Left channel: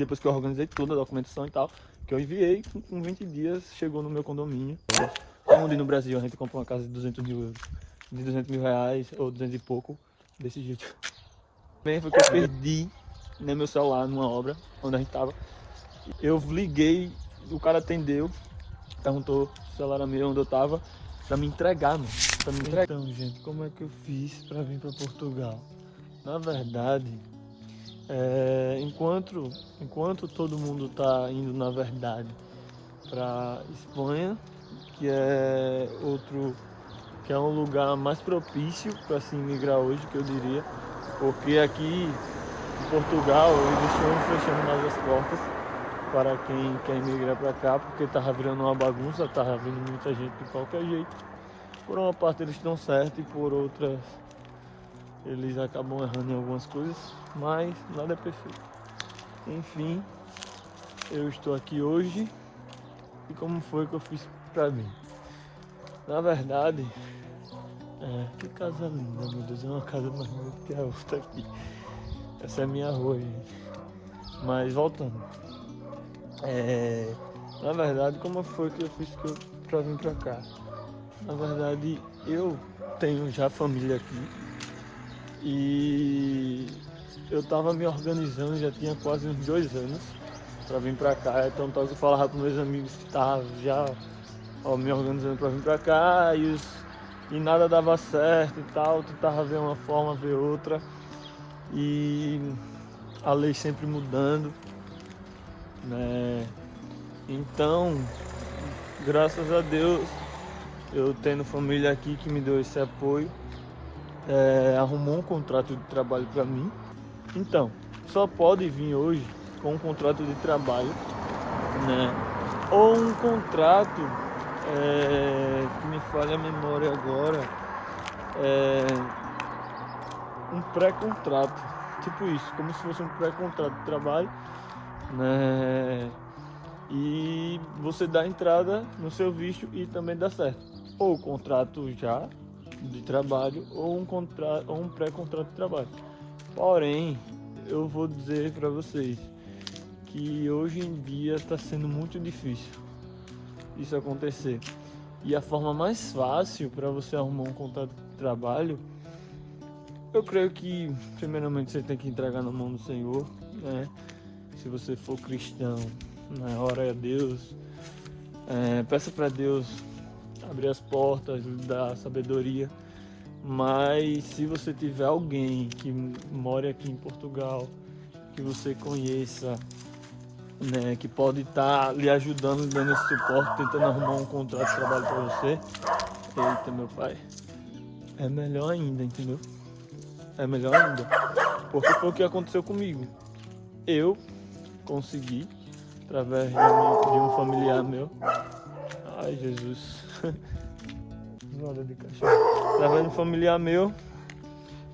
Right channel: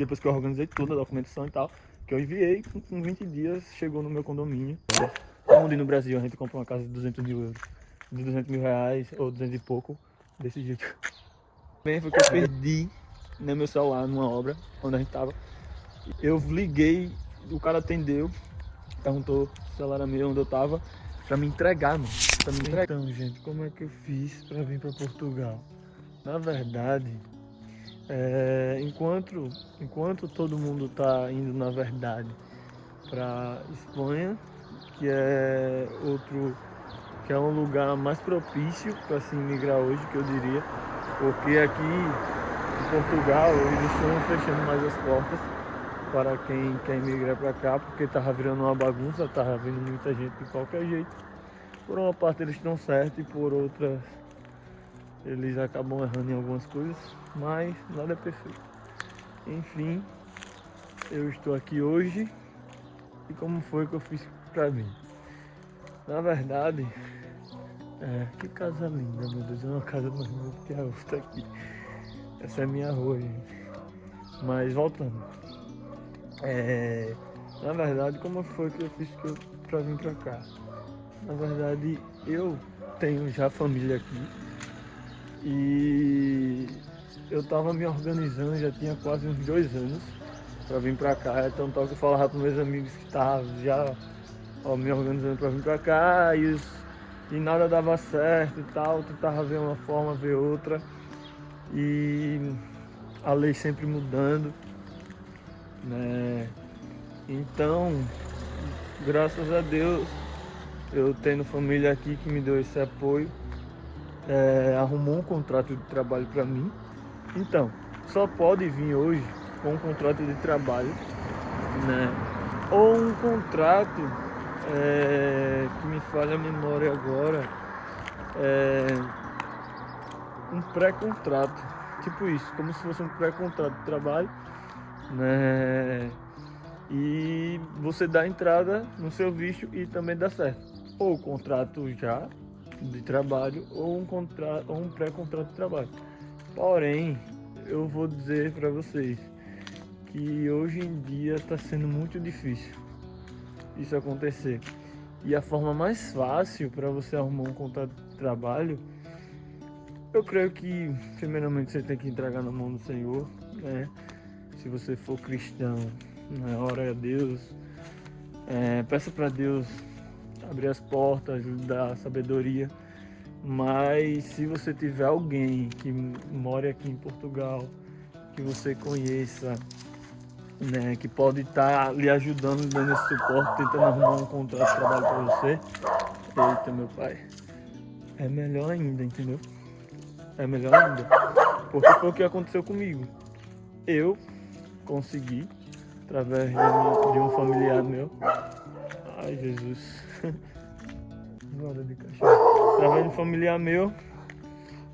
depois que eu organizei tudo, a documentação e tal, que eu enviei, com 20 dias chegou no meu condomínio. Onde no Brasil a gente compra uma casa de 200 mil euros, de 200 mil reais ou 200 e pouco, desse jeito. Bem, foi que eu perdi, né, meu celular numa obra onde a gente tava. Eu liguei, o cara atendeu, perguntou se o celular era meu, onde eu tava, pra me entregar, mano. Pra me entregar. Então, gente, como é que eu fiz pra vir pra Portugal? Na verdade, enquanto todo mundo tá indo, na verdade, pra Espanha, que é um lugar mais propício para se imigrar hoje, que eu diria, porque aqui em Portugal eles estão fechando mais as portas para quem quer imigrar para cá, porque estava virando uma bagunça, estava vindo muita gente de qualquer jeito. Por uma parte eles estão certos e por outra eles acabam errando em algumas coisas, mas nada é perfeito. Enfim, eu estou aqui hoje e como foi que eu fiz para mim? Na verdade, que casa linda, meu Deus, é uma casa mais linda que a outra aqui. Essa é a minha rua, gente. Mas voltando. Na verdade, como foi que eu fiz pra vir pra cá? Na verdade, eu tenho já família aqui e eu tava me organizando, já tinha quase uns 2 anos pra vir pra cá. Então eu falava pros meus amigos que estavam já me organizando pra vir pra cá e nada dava certo e tal, tentava ver uma forma, ver outra, e a lei sempre mudando, né? Então, graças a Deus, eu tendo família aqui que me deu esse apoio, arrumou um contrato de trabalho para mim. Então, só pode vir hoje com um contrato de trabalho, né? Ou um contrato, que me falha a memória agora, um pré-contrato, tipo isso, como se fosse um pré-contrato de trabalho, né? E você dá entrada no seu visto e também dá certo. Ou contrato já de trabalho ou um pré-contrato de trabalho. Porém, eu vou dizer para vocês que hoje em dia está sendo muito difícil isso acontecer. E a forma mais fácil para você arrumar um contrato de trabalho, eu creio que primeiramente você tem que entregar na mão do Senhor, né? Se você for cristão, né, ora a Deus, peça para Deus abrir as portas, dar sabedoria. Mas se você tiver alguém que mora aqui em Portugal, que você conheça, né, que pode estar lhe ajudando, dando esse suporte, tentando arrumar um contrato de trabalho para você, eita, meu pai, é melhor ainda, entendeu? É melhor ainda, porque foi o que aconteceu comigo. Eu consegui, através de um familiar meu, ai Jesus, roda de cachorro, através de um familiar meu,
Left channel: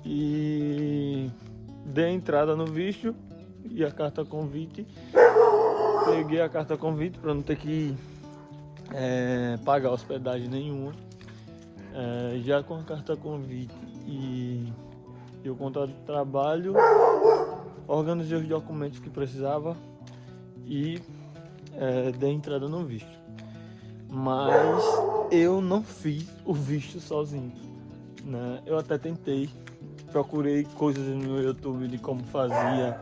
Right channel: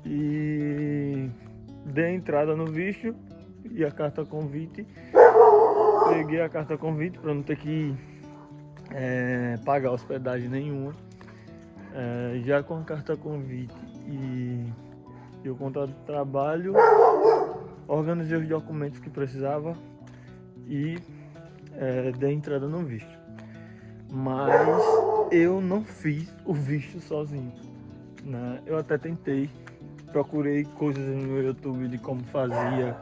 e dei entrada no visto e a carta convite. Peguei a carta convite para não ter que pagar hospedagem nenhuma. Já com a carta convite e o contrato de trabalho, organizei os documentos que precisava e dei entrada no visto. Mas eu não fiz o visto sozinho, né? Eu até tentei, procurei coisas no YouTube de como fazia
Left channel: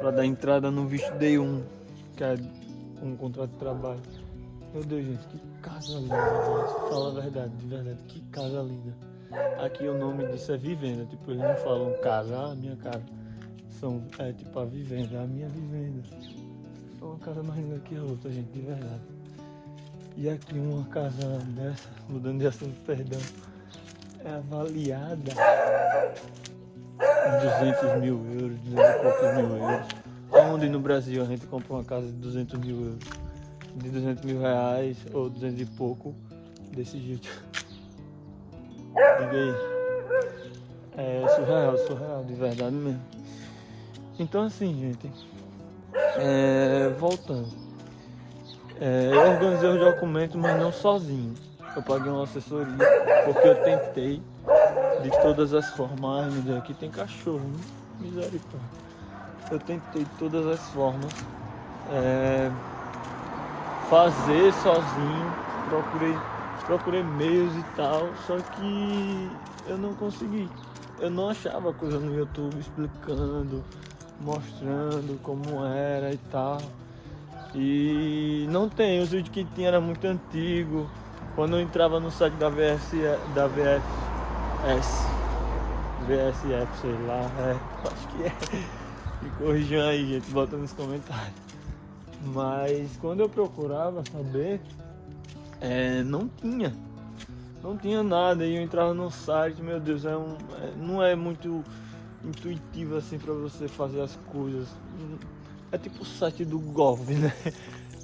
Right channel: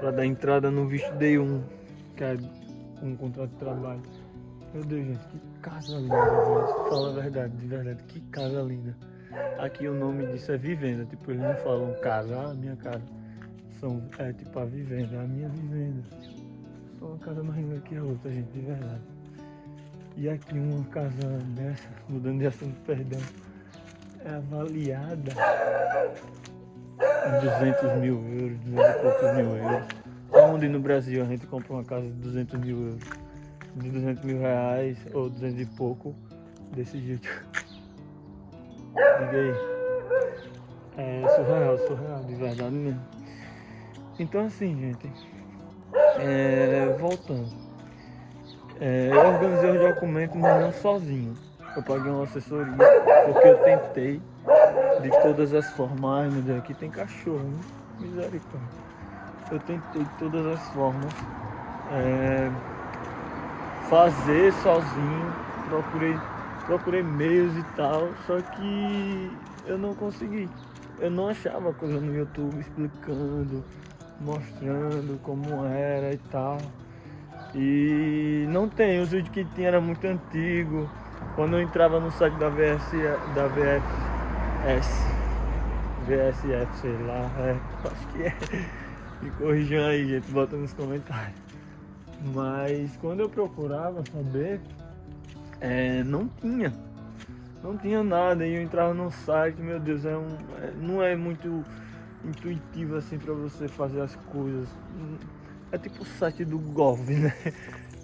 para dar entrada no visto D1, que é um contrato de trabalho. Meu Deus, gente, que casa linda, gente. Fala a verdade, de verdade, que casa linda. Aqui o nome disso é vivenda, tipo, eles não falam casa, a minha casa. Tipo a vivenda, a minha vivenda. É uma casa mais linda que a outra, gente, de verdade. E aqui uma casa dessa, mudando de assunto, perdão, é avaliada em 200 mil euros, 200 e poucos mil euros. Onde no Brasil a gente compra uma casa de 200 mil euros, de 200 mil reais ou 200 e pouco, desse jeito. Diga aí. É surreal, de verdade mesmo. Então assim, gente, voltando. Eu organizei os documentos, mas não sozinho. Eu paguei uma assessoria, porque eu tentei de todas as formas. Ai meu Deus, aqui tem cachorro, né? Misericórdia. eu tentei de todas as formas fazer sozinho, procurei meios e tal, só que eu não consegui. Eu não achava coisa no YouTube explicando, mostrando como era e tal. E não tem, os vídeos que tinha era muito antigo. Quando eu entrava no site da VSF, sei lá, acho que é. Me corrijam aí, gente, bota nos comentários. Mas quando eu procurava saber, não tinha nada. E eu entrava no site, meu Deus, não é muito intuitivo assim para você fazer as coisas. É tipo o site do Golf, né?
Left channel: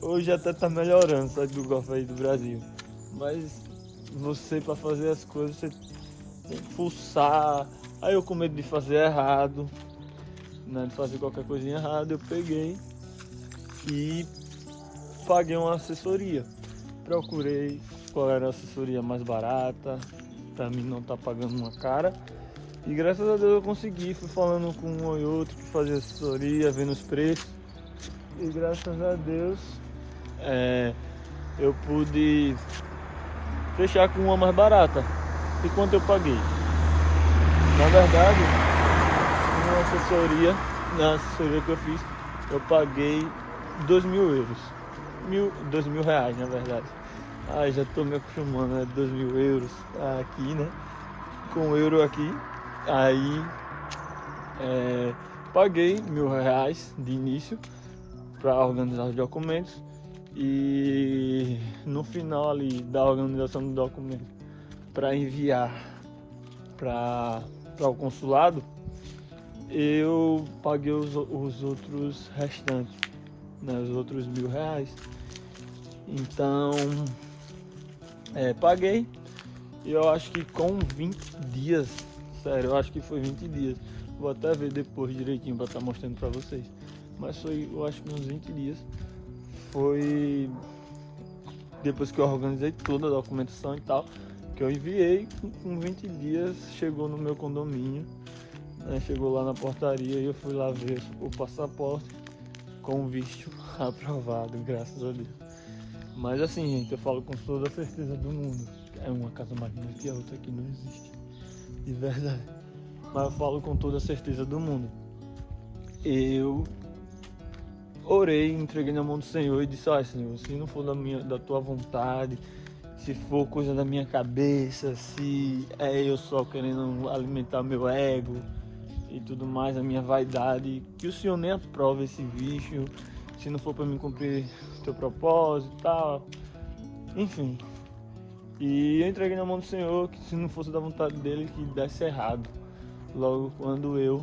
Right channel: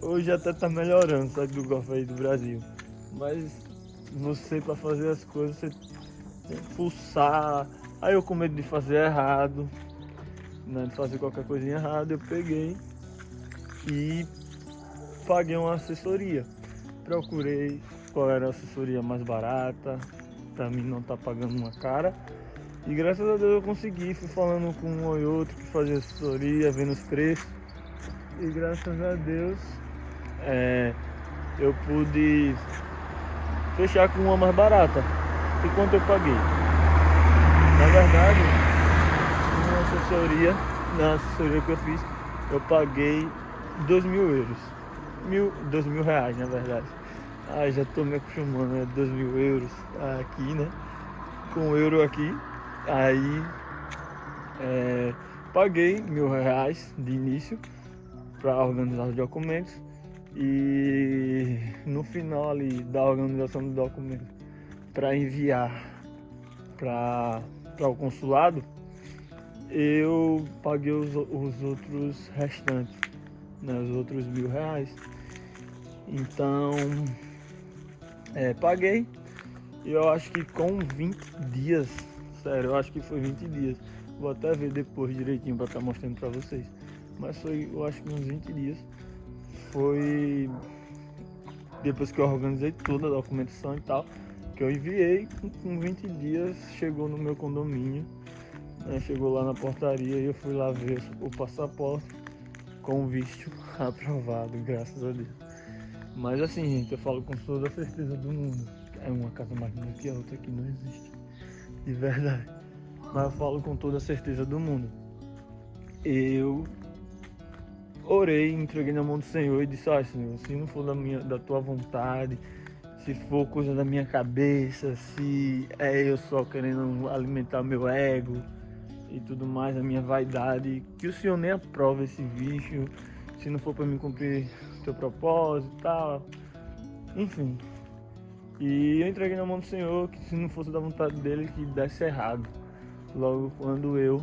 Hoje até tá melhorando o site do Golf aí do Brasil. Mas você, para fazer as coisas, você tem que fuçar. Aí eu, com medo de fazer errado, né, de fazer qualquer coisinha errada, eu peguei e paguei uma assessoria. Procurei qual era a assessoria mais barata, pra mim não tá pagando uma cara. E graças a Deus eu consegui, fui falando com um ou outro que fazia assessoria, vendo os preços. E graças a Deus eu pude fechar com uma mais barata. E quanto eu paguei? Na verdade, na assessoria que eu fiz, eu paguei 2.000 euros. 2.000 reais, na verdade. Já tô me acostumando, né? 2.000 euros aqui, né? Com euro aqui. Aí paguei 1.000 reais de início para organizar os documentos. E no final ali da organização do documento, para enviar para o consulado, eu paguei os outros restantes, né, os outros 1.000 reais. Então paguei, e eu acho que com 20 dias, sério, eu acho que foi 20 dias, vou até ver depois direitinho para estar mostrando para vocês, mas foi, eu acho que uns 20 dias, foi depois que eu organizei toda a documentação e tal, que eu enviei. Com 20 dias chegou no meu condomínio, né, chegou lá na portaria e eu fui lá ver o passaporte com o visto aprovado, graças a Deus. Mas assim, gente, eu falo com toda a certeza do mundo, é uma casa mais linda que a outra que não existe, de verdade. Mas eu falo com toda a certeza do mundo. Eu orei, entreguei na mão do Senhor e disse: Senhor, se não for da tua vontade, se for coisa da minha cabeça, se é eu só querendo alimentar meu ego e tudo mais, a minha vaidade, que o Senhor nem aprove esse vício, se não for para mim cumprir o teu propósito e tal, enfim. E eu entreguei na mão do Senhor, que se não fosse da vontade dele, que desse errado logo quando eu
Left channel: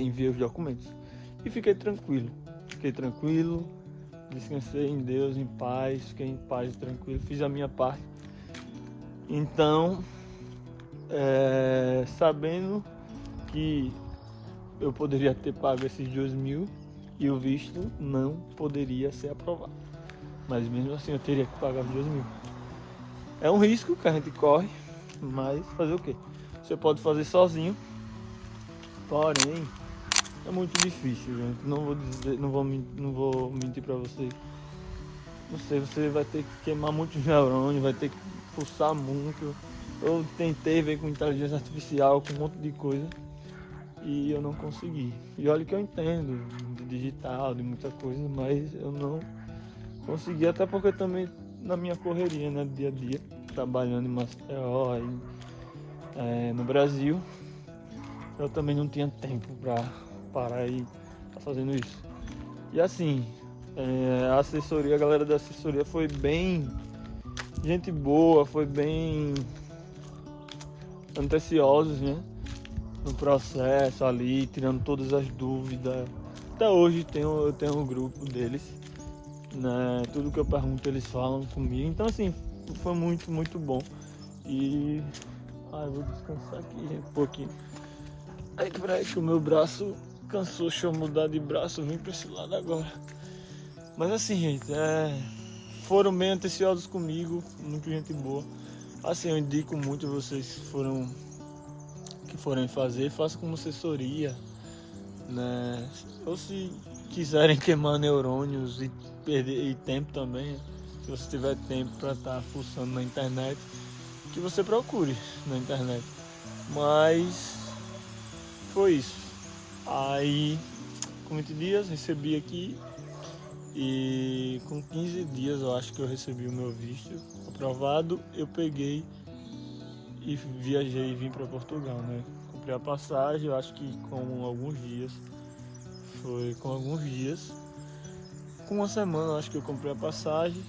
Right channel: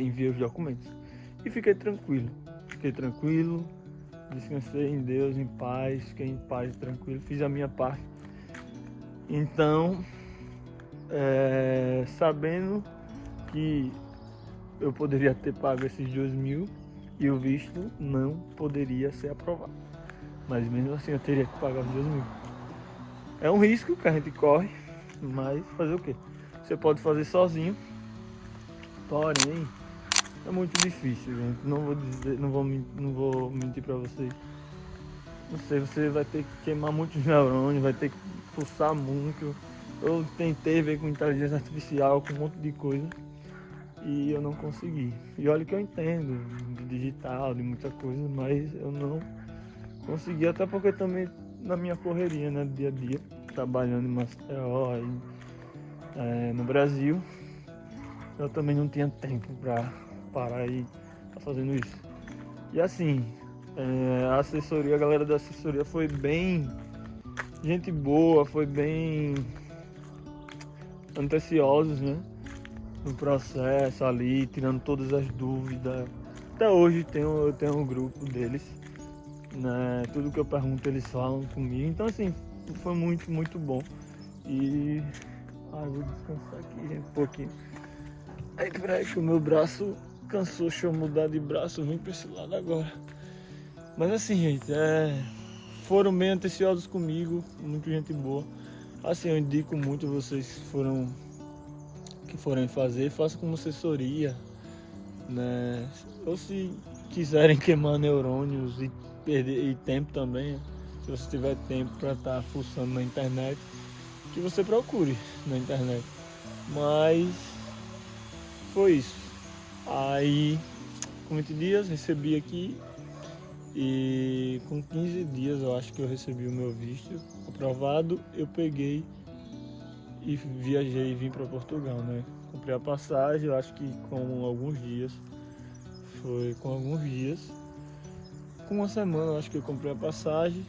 enviei os documentos. E fiquei tranquilo, descansei em Deus, em paz, fiquei em paz, tranquilo, fiz a minha parte. Então, sabendo que eu poderia ter pago esses 2.000 e o visto não poderia ser aprovado, mas mesmo assim eu teria que pagar os 2.000. É um risco que a gente corre, mas fazer o quê? Você pode fazer sozinho, porém é muito difícil, gente. Não vou mentir pra vocês. Não sei, você vai ter que queimar muitos neurônios, vai ter que pulsar muito. Eu tentei ver com inteligência artificial, com um monte de coisa, e eu não consegui. E olha que eu entendo de digital, de muita coisa, mas eu não consegui, até porque também na minha correria, né, dia a dia, trabalhando em Maceió, no Brasil, eu também não tinha tempo pra parar e tá fazendo isso. E assim, a galera da assessoria foi bem gente boa, foi bem atenciosos, né, no processo ali, tirando todas as dúvidas. Até hoje eu tenho um grupo deles, né, tudo que eu pergunto eles falam comigo. Então assim, foi muito, muito bom. E vou descansar aqui, gente, um pouquinho. Peraí que o meu braço cansou, deixa eu mudar de braço, vim pra esse lado agora. Mas assim, gente, foram bem atenciosos comigo, muito gente boa. Assim, eu indico muito vocês que forem fazer, façam como assessoria, né? Ou se quiserem queimar neurônios e perder tempo também, se você tiver tempo para estar fuçando na internet, que você procure na internet. Mas foi isso. Aí, com 20 dias, recebi aqui e com 15 dias eu acho que eu recebi o meu visto aprovado. Eu peguei e viajei e vim para Portugal, né? Comprei a passagem, eu acho que com alguns dias. Foi com alguns dias. Com uma semana eu acho que eu comprei a passagem.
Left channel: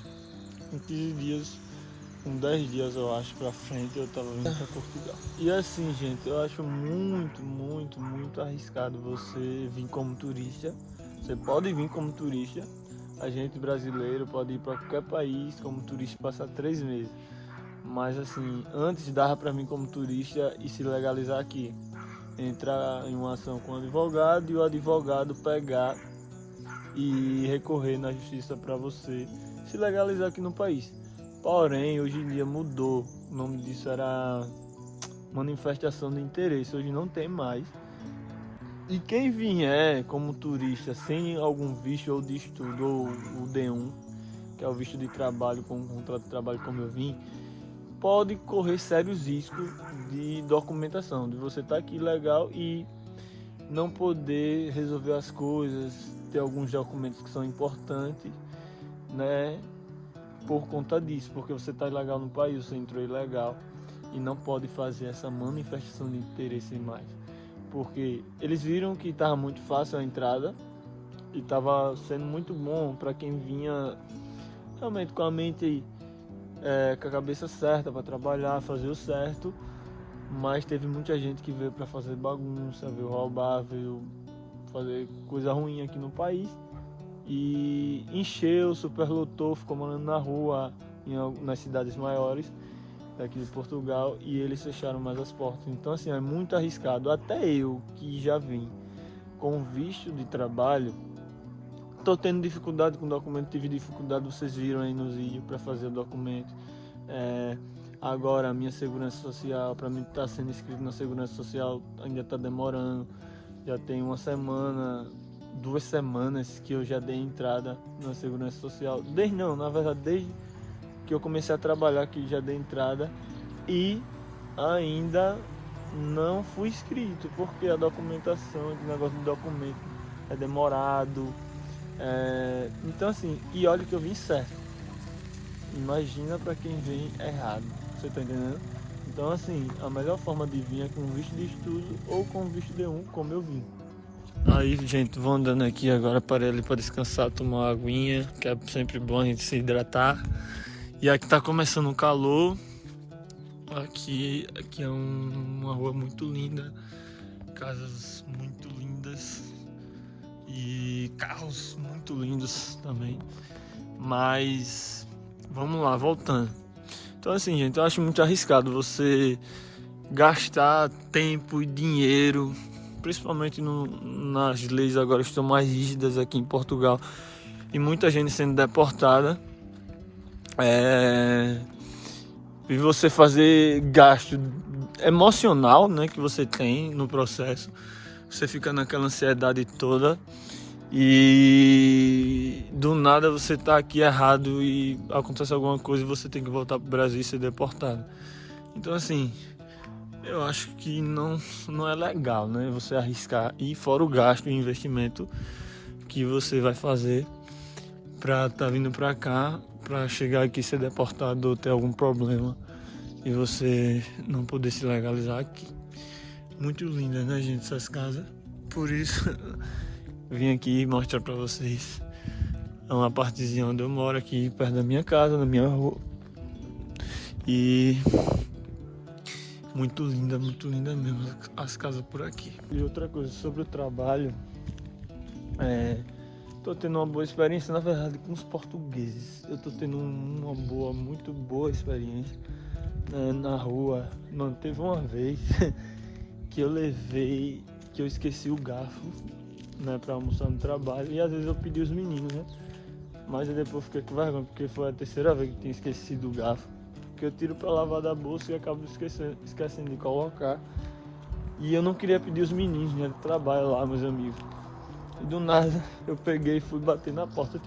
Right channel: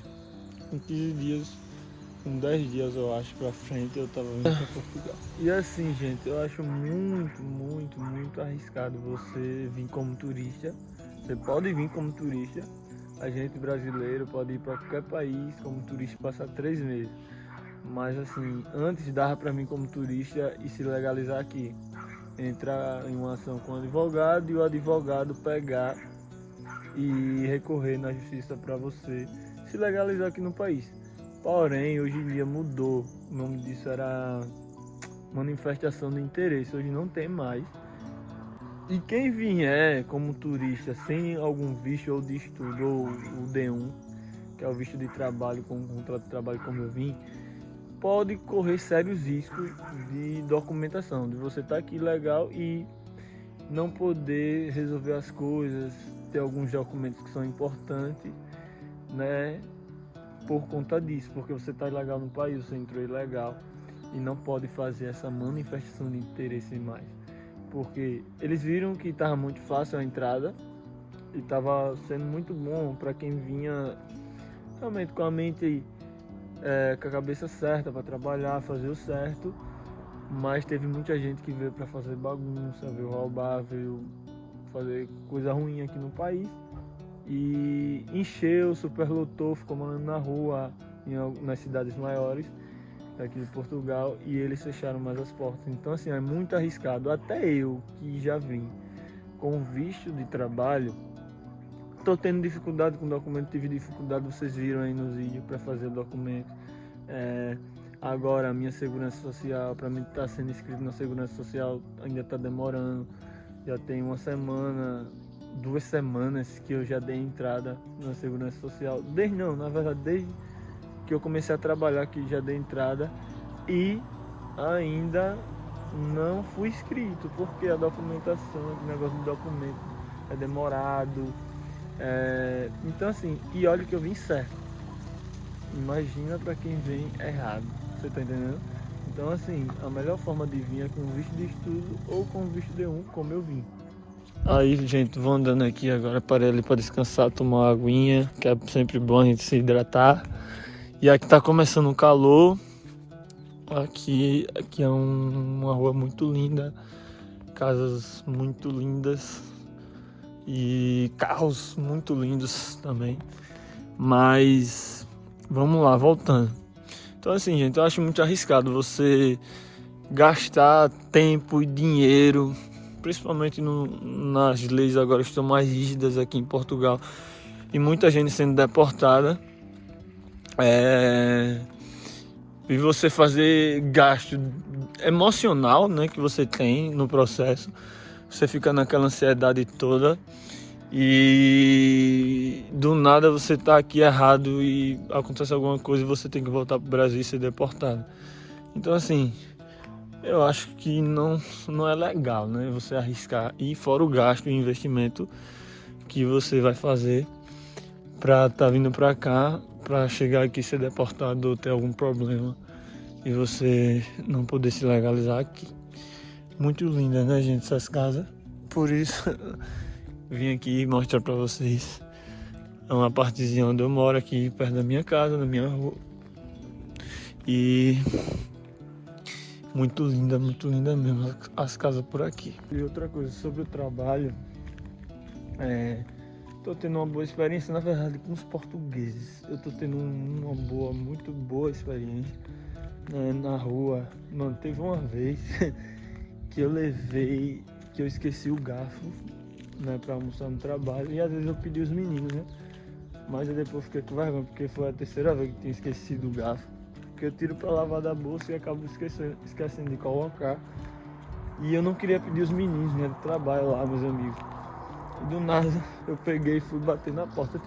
Com 15 dias, com 10 dias eu acho pra frente eu tava vindo pra Portugal. E assim, gente, eu acho muito arriscado você vir como turista. Você pode vir como turista. A gente brasileiro pode ir para qualquer país como turista e passar 3 meses. Mas assim, antes dava para mim como turista e se legalizar aqui. Entrar em uma ação com o advogado e o advogado pegar e recorrer na justiça para você se legalizar aqui no país. Porém, hoje em dia mudou. O nome disso era manifestação de interesse. Hoje não tem mais. E quem vier como turista sem algum visto ou de estudo, ou o D1, que é o visto de trabalho com contrato de trabalho como eu vim, pode correr sérios riscos de documentação, de você estar aqui legal e não poder resolver as coisas, ter alguns documentos que são importantes, né, por conta disso, porque você está ilegal no país, você entrou ilegal e não pode fazer essa manifestação de interesse mais, porque eles viram que estava muito fácil a entrada e estava sendo muito bom para quem vinha realmente com a mente com a cabeça certa para trabalhar, fazer o certo, mas teve muita gente que veio para fazer bagunça, veio roubar, veio fazer coisa ruim aqui no país e encheu, superlotou, ficou morando na rua nas cidades maiores daqui de Portugal e eles fecharam mais as portas. Então assim, é muito arriscado. Até eu que já vim com visto de trabalho, estou tendo dificuldade com o documento, tive dificuldade, vocês viram aí nos vídeos para fazer o documento. Agora a minha segurança social, para mim estar sendo inscrito na segurança social ainda está demorando. Já tem uma semana, 2 semanas que eu já dei entrada na segurança social. Desde que eu comecei a trabalhar aqui já dei entrada e ainda não fui inscrito, porque a documentação, o negócio de documento é demorado. Então assim, e olha que eu vim certo. Imagina para quem vem errado, você tá entendendo? Então assim, a melhor forma de vir é com visto de estudo ou com visto D1, como eu vim. Aí, gente, vou andando aqui agora, parei ali para descansar, tomar uma aguinha, que é sempre bom a gente se hidratar. E aqui tá começando o calor. Aqui é uma rua muito linda, casas muito lindas e carros muito lindos também. Mas vamos lá, voltando. Então assim, gente, eu acho muito arriscado você gastar tempo e dinheiro, principalmente nas leis agora estão mais rígidas aqui em Portugal e muita gente sendo deportada. E você fazer gasto emocional, né, que você tem no processo, você fica naquela ansiedade toda e do nada você tá aqui errado e acontece alguma coisa e você tem que voltar pro Brasil e ser deportado. Então assim, eu acho que não é legal, né, você arriscar, e fora o gasto e investimento que você vai fazer pra tá vindo pra cá, pra chegar aqui e ser deportado ou ter algum problema e você não poder se legalizar aqui. Muito linda, né, gente, essas casas. Por isso vim aqui mostrar pra vocês uma partezinha onde eu moro, aqui perto da minha casa, na minha rua. E muito linda mesmo as casas por aqui. E outra coisa sobre o trabalho, tô tendo uma boa experiência, na verdade, com os portugueses. Eu tô tendo muito boa experiência, né, na rua. Mano, teve uma vez que eu esqueci o garfo, né, pra almoçar no trabalho. E às vezes eu pedi os meninos, né? Mas eu depois fiquei com vergonha, porque foi a terceira vez que tinha esquecido o garfo. Que eu tiro pra lavar da bolsa e acabo esquecendo de colocar. E eu não queria pedir os meninos, né, de trabalho lá, meus amigos. E do nada eu peguei e fui bater na porta,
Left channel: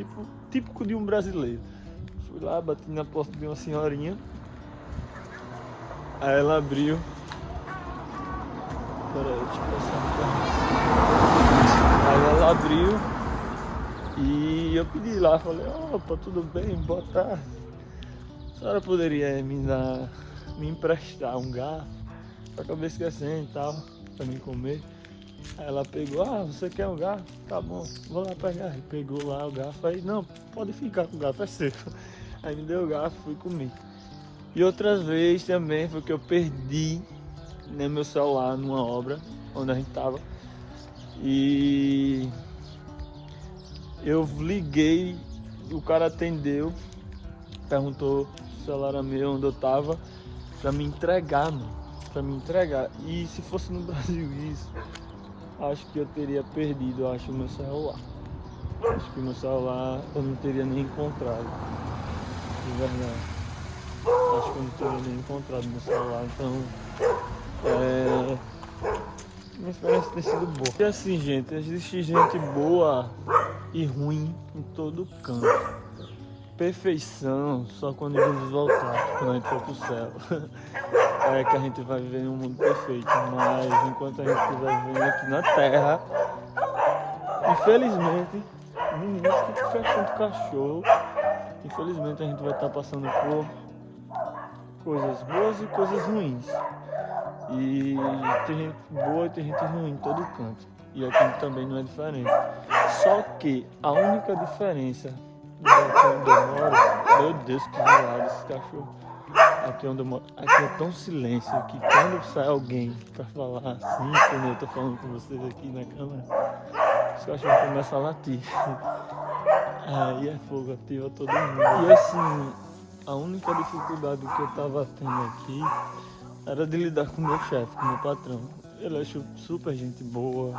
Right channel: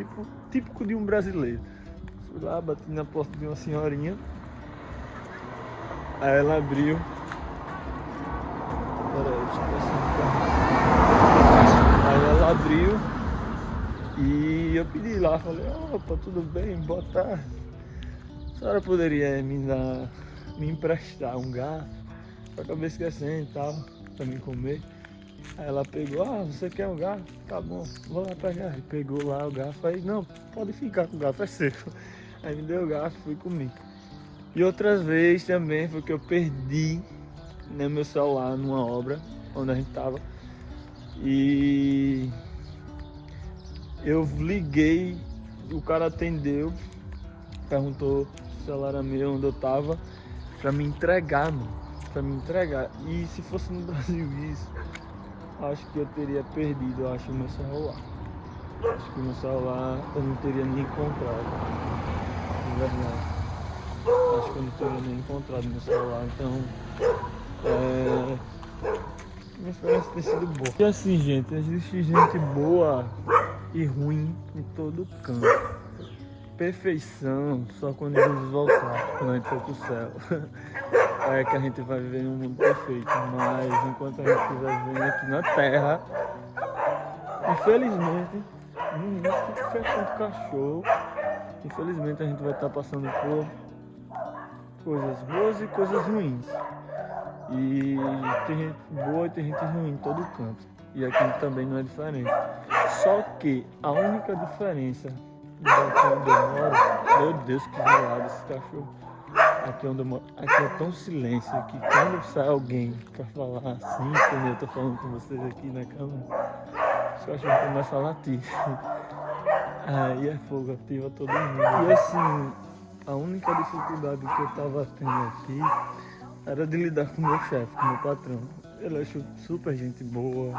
típico de um brasileiro. Fui lá, bati na porta de uma senhorinha. Aí ela abriu. Peraí, deixa eu passar no carro. Aí ela abriu e eu pedi lá, falei, opa, tudo bem, boa tarde. A senhora poderia me emprestar um garfo? Eu acabei esquecendo e tal, pra mim comer. Aí ela pegou, você quer um garfo? Tá bom, vou lá pegar. Aí pegou lá o garfo, aí, não, pode ficar com o garfo, é seu. Aí me deu o garfo, fui comer. E outras vezes também foi que eu perdi, né, meu celular numa obra onde a gente tava. E eu liguei, o cara atendeu, perguntou se o celular era meu, onde eu tava, pra me entregar, mano. Pra me entregar. E se fosse no Brasil isso, acho que eu teria perdido, eu acho, o meu celular. Acho que o meu celular eu não teria nem encontrado. De verdade. Acho que eu não teria nem encontrado meu celular. Então, minha experiência tem sido boa. E assim, gente, existe gente boa e ruim em todo canto. Perfeição só quando Jesus voltar, quando a gente for pro céu. É que a gente vai viver num mundo perfeito. Mas enquanto a gente estiver vivendo aqui na Terra, infelizmente, que fica tanto cachorro. Infelizmente a gente vai estar passando por coisas boas e coisas ruins. E tem gente boa e tem gente ruim em todo canto. E aqui também não é diferente. Só que a única diferença daqui onde eu moro, meu Deus, que zoado esse cachorro. Aqui onde eu moro, aqui é tão silêncio que quando sai alguém pra falar assim, como eu tô falando com vocês aqui na câmera, os cachorros começam a latir. Aí é fogo, ativa todo mundo. E assim, a única dificuldade que eu tava tendo aqui era de lidar com o meu chefe, com o meu patrão. Ele é super gente boa,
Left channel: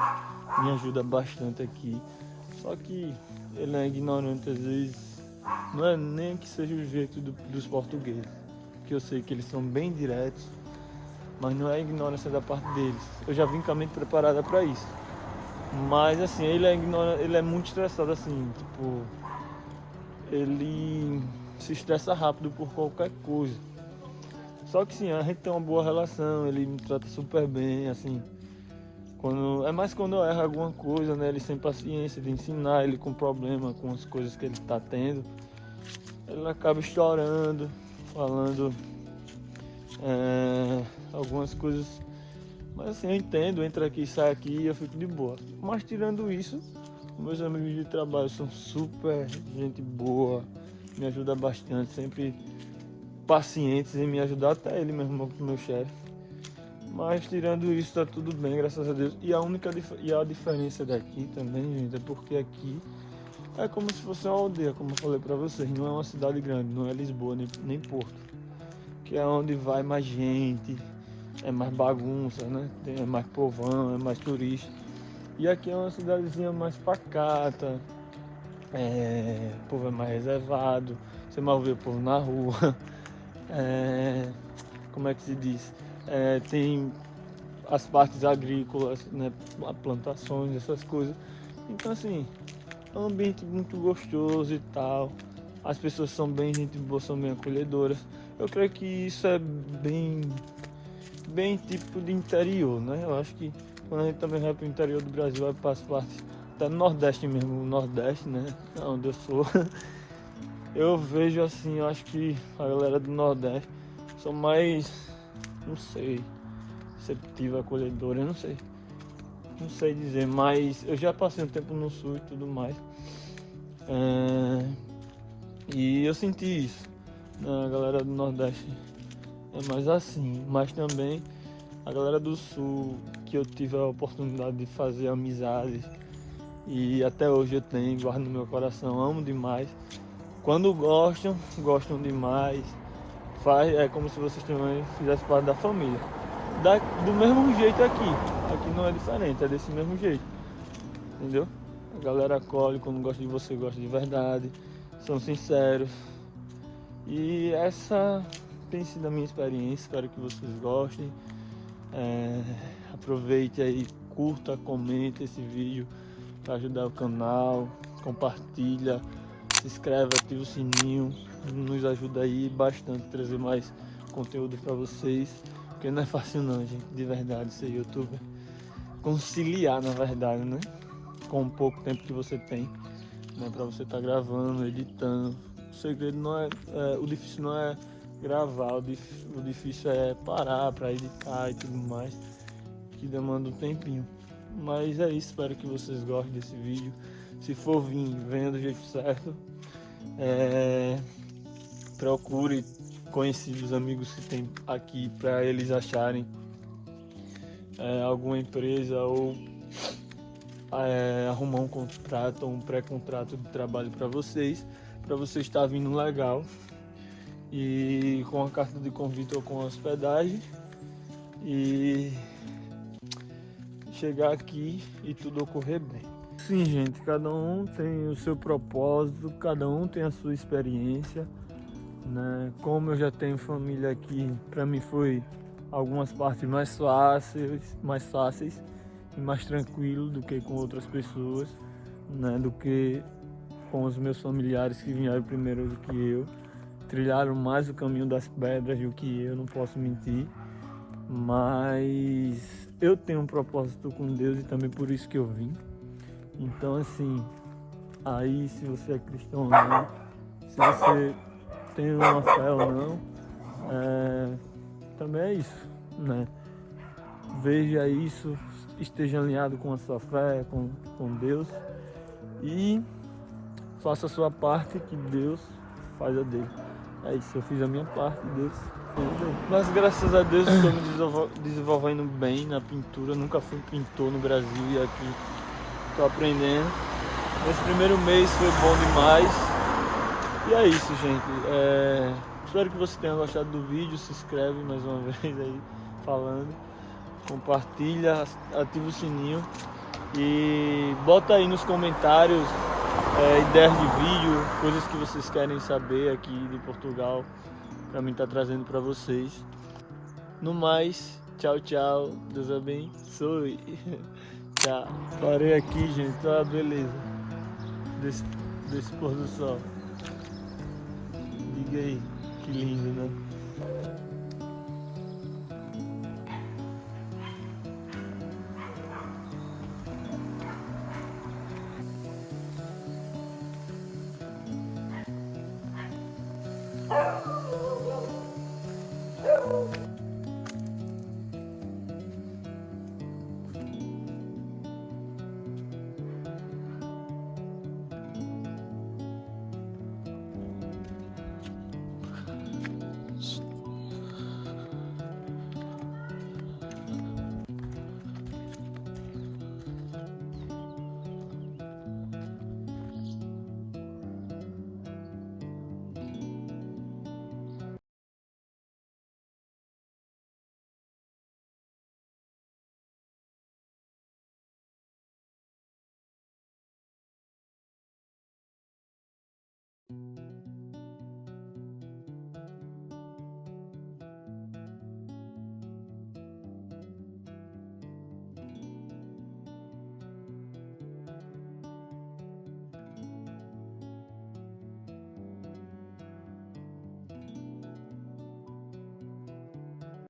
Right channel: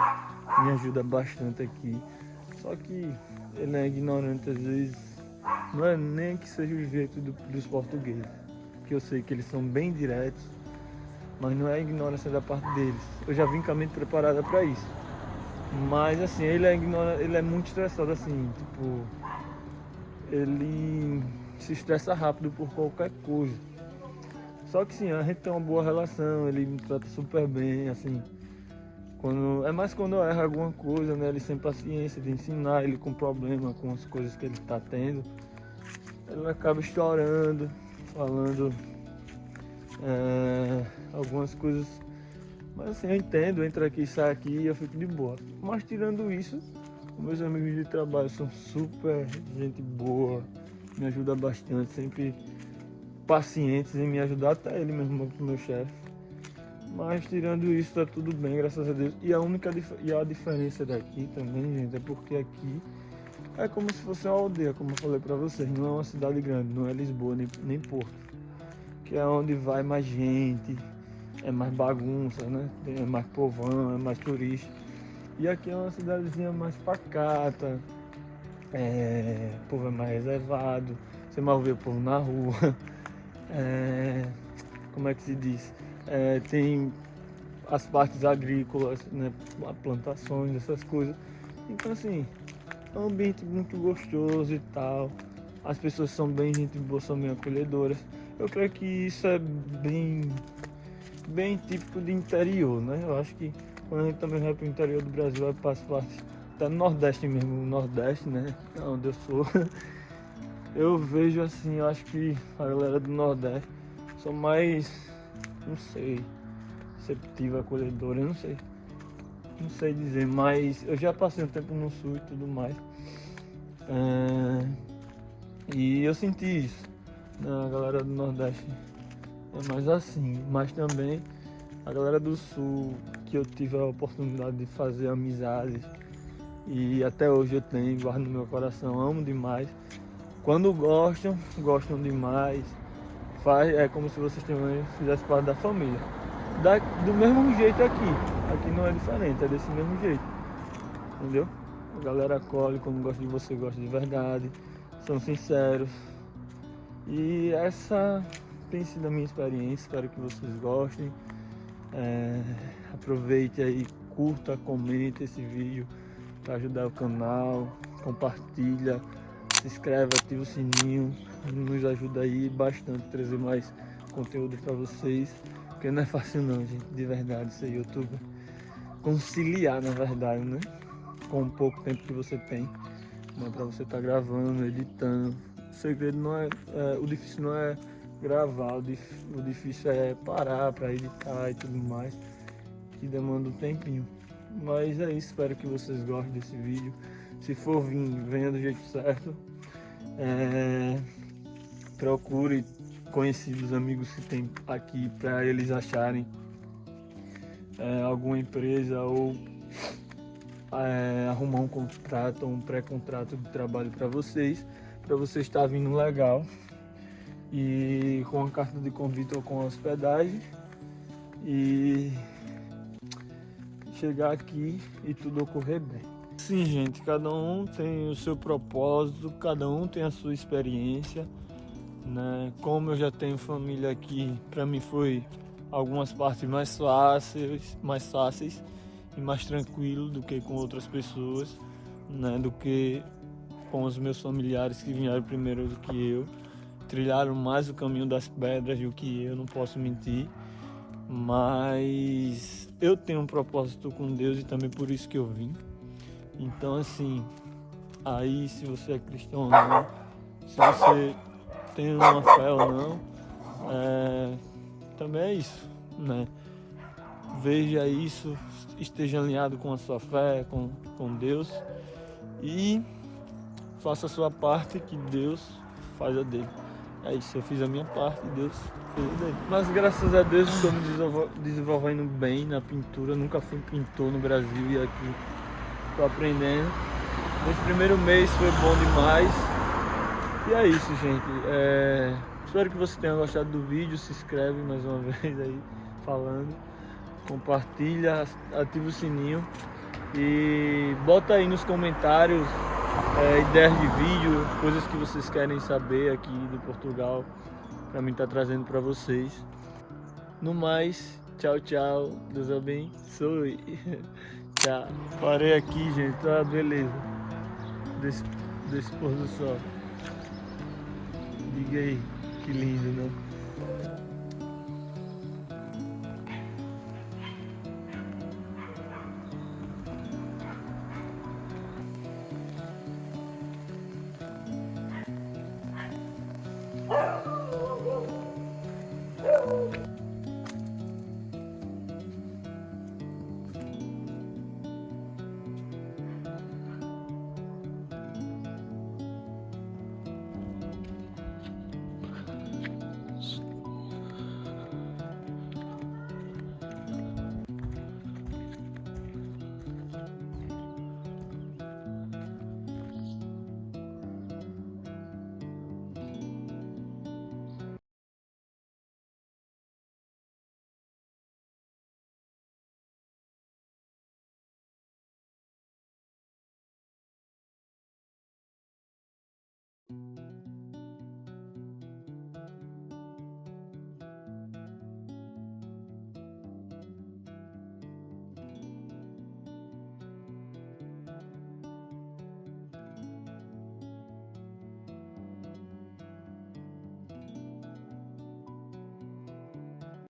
me ajuda bastante aqui. Só que ele é ignorante às vezes, não é nem que seja o jeito dos portugueses. Que eu sei que eles são bem diretos, mas não é ignorância da parte deles. Eu já vim com a mente preparada para isso. Mas assim, ele é muito estressado assim, tipo, ele se estressa rápido por qualquer coisa. Só que sim, a gente tem uma boa relação, ele me trata super bem, assim. É mais quando eu erro alguma coisa, né? Ele sem paciência de ensinar, ele com problema com as coisas que ele está tendo. Ele acaba chorando, falando algumas coisas. Mas assim, eu entendo, entra aqui, sai aqui e eu fico de boa. Mas tirando isso, meus amigos de trabalho são super gente boa, me ajuda bastante, sempre pacientes em me ajudar, até ele mesmo, meu chefe. Mas tirando isso, tá tudo bem, graças a Deus. E a diferença daqui também, gente, é porque aqui é como se fosse uma aldeia, como eu falei pra vocês. Não é uma cidade grande, não é Lisboa, nem Porto. Que é onde vai mais gente, é mais bagunça, né? É mais povão, é mais turista. E aqui é uma cidadezinha mais pacata, o povo é mais reservado, você mal vê o povo na rua. Como é que se diz? Tem as partes agrícolas, né? Plantações, essas coisas. Então assim, é um ambiente muito gostoso e tal. As pessoas são bem gente boa, são bem acolhedoras. Eu creio que isso é bem típico de interior, né? Eu acho que quando a gente também vai para o interior do Brasil, vai para as partes até no Nordeste mesmo, o Nordeste, né? Onde eu sou. Eu vejo assim, eu acho que a galera do Nordeste são mais, não sei, receptiva, acolhedora, eu não sei dizer, mas eu já passei um tempo no Sul e tudo mais. E eu senti isso. A galera do Nordeste é mais assim, mas também a galera do Sul, que eu tive a oportunidade de fazer amizades e até hoje eu tenho, guardo no meu coração, amo demais. Quando gostam demais. É como se vocês também fizessem parte da família. Do mesmo jeito aqui não é diferente, é desse mesmo jeito, entendeu? A galera acolhe, quando gosta de você, gosta de verdade, são sinceros. E essa tem sido a minha experiência, espero que vocês gostem. Aproveite aí, curta, comenta esse vídeo para ajudar o canal, compartilha, se inscreve, ativa o sininho, nos ajuda aí bastante a trazer mais conteúdo para vocês, porque não é fácil não, gente, de verdade, ser youtuber, conciliar na verdade, né, com o pouco tempo que você tem, para você estar gravando, editando. O segredo não o difícil não é gravar, o difícil é parar para editar e tudo mais, que demanda um tempinho. Mas é isso, espero que vocês gostem desse vídeo. Se for vir, venha do jeito certo. Procure conhecidos, amigos que tem aqui para eles acharem alguma empresa ou arrumar um contrato ou um pré-contrato de trabalho para vocês estar vindo legal e com a carta de convite ou com a hospedagem e chegar aqui e tudo ocorrer bem. Sim, gente, cada um tem o seu propósito, cada um tem a sua experiência, né? Como eu já tenho família aqui, para mim foi algumas partes mais fáceis e mais tranquilo do que com outras pessoas, né? Do que com os meus familiares que vieram primeiro do que eu, trilharam mais o caminho das pedras do que eu, não posso mentir, mas eu tenho um propósito com Deus e também por isso que eu vim. Então assim, aí se você é cristão ou não, se você tem uma fé ou não, também é isso, né? Veja isso, esteja alinhado com a sua fé, com Deus e faça a sua parte que Deus faz a dele. É isso, eu fiz a minha parte e Deus fez a dele. Mas graças a Deus estou me desenvolvendo bem na pintura, nunca fui pintor no Brasil e aqui estou aprendendo. Esse primeiro mês foi bom demais. E é isso, gente. Espero que você tenha gostado do vídeo. Se inscreve mais uma vez aí falando. Compartilha, ativa o sininho. E bota aí nos comentários ideias de vídeo, coisas que vocês querem saber aqui de Portugal, para mim estar trazendo para vocês. No mais, tchau, tchau. Deus abençoe. Tchau. Parei aqui, gente. Tá, beleza. Desse pôr do sol. Diga aí, que lindo, não?